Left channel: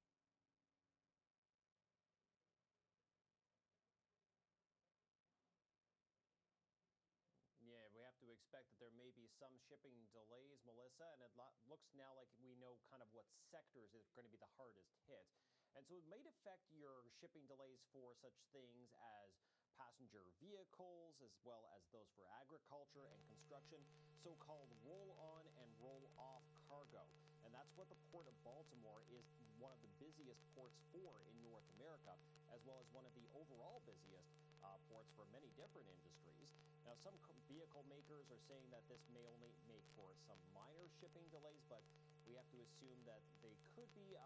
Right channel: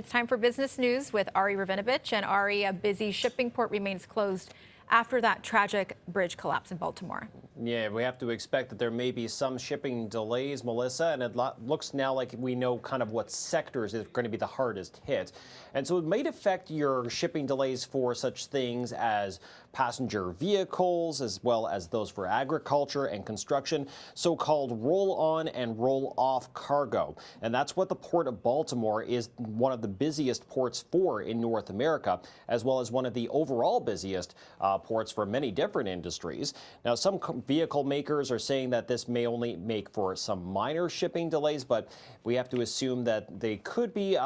It's time for business news with Ari Rabinovitch. And Ari, a busy shipping port remains closed after that tragic bridge collapse in Baltimore. Yeah, we have to expect that there may be some shipping delays, Melissa, and it looks now like we know kind of what sectors are going to be the hardest hit. And so it might affect your shipping delays for such things as passenger vehicles, as well as those for agriculture and construction, so-called roll-on and roll-off cargo. And that's what the Port of Baltimore is one of the busiest ports for in North America, as well as one of the overall busiest ports for many different industries. Now, some vehicle makers are saying that this may only make for some minor shipping delays, but we have to assume that they could be,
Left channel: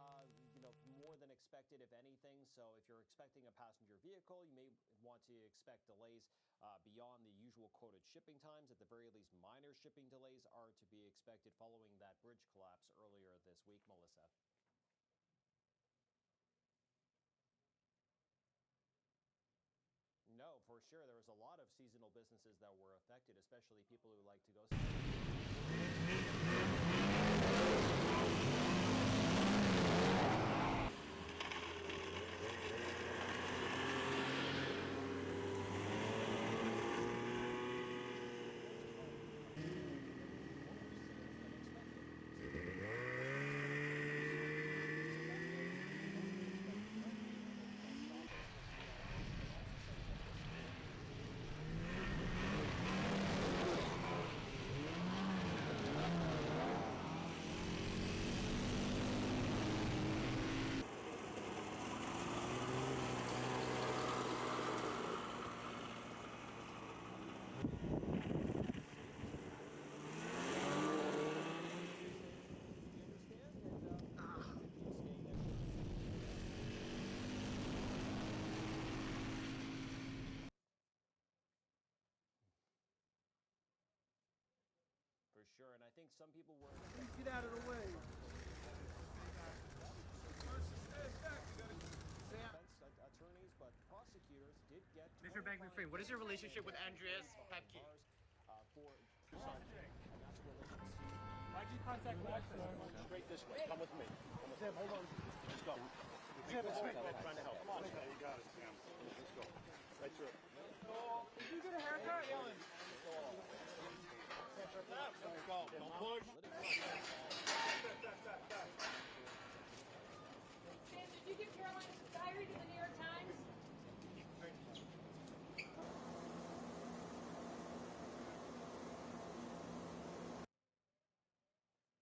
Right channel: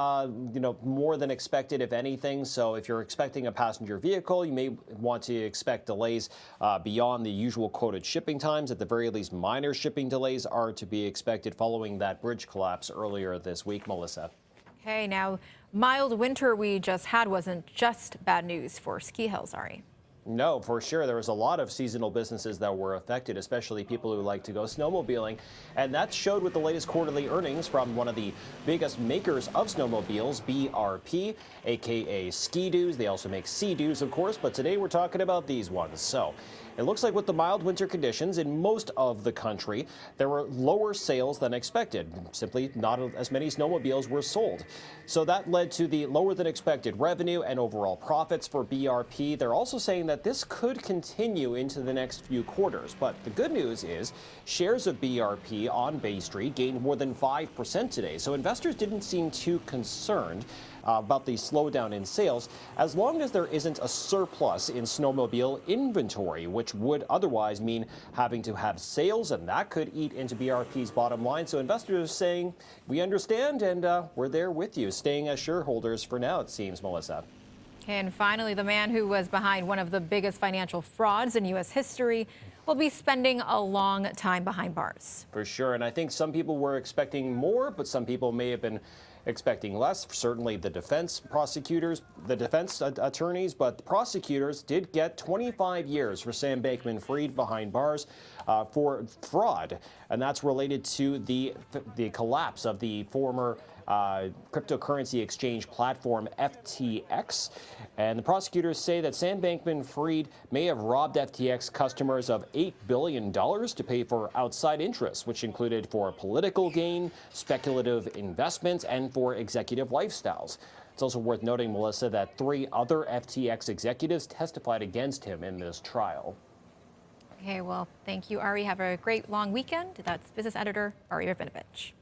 more than expected, if anything. So if you're expecting a passenger vehicle, you may want to expect delays beyond the usual quoted shipping times. At the very least, minor shipping delays are to be expected following that bridge collapse earlier this week, Melissa. Okay, now, mild winter we just had wasn't just bad news for ski hills, Ari. No, for sure. There was a lot of seasonal businesses that were affected, especially people who like to go snowmobiling. And that showed with the latest quarterly earnings from one of the biggest makers of snowmobiles, BRP, aka Ski-Doos. They also make Sea-Doos, of course, but today we're talking about these ones. So it looks like with the mild winter conditions in most of the country, there were lower sales than expected. Simply not as many snowmobiles were sold. So that led to the lower than expected revenue and overall profits for BRP. They're also saying that this could continue into the next few quarters. But the good news is shares of BRP on Bay Street gained more than 5% today. So investors didn't seem too concerned about the slowdown in sales, as long as there isn't a surplus in snowmobile inventory, which would otherwise mean having to have sales, and that could eat into BRP's bottom line. So investors are saying, we understand, and we're there with you, staying as shareholders for now, it seems, Melissa. And finally, the man who was behind one of the biggest financial frauds in U.S. history will be spending a long time behind bars. For sure, and I think some people were expecting more, but some people may have been expecting less. Certainly the defense prosecutors, the defense attorneys, but the prosecutors did get 25 years for Sam Bankman-Fried behind bars for fraud, and that's related to the collapse of the former cryptocurrency exchange platform FTX. And the prosecutors say that Sam Bankman-Fried may have robbed FTX customers of $8 billion to pay for outside interests, which included for political gain, speculative investments, and for executive lifestyles. It's also worth noting, Melissa, that 3 other FTX executives testified against him in this trial. Okay, well, thank you, Ari. Have a great long weekend. That's business editor Ari Rabinovitch.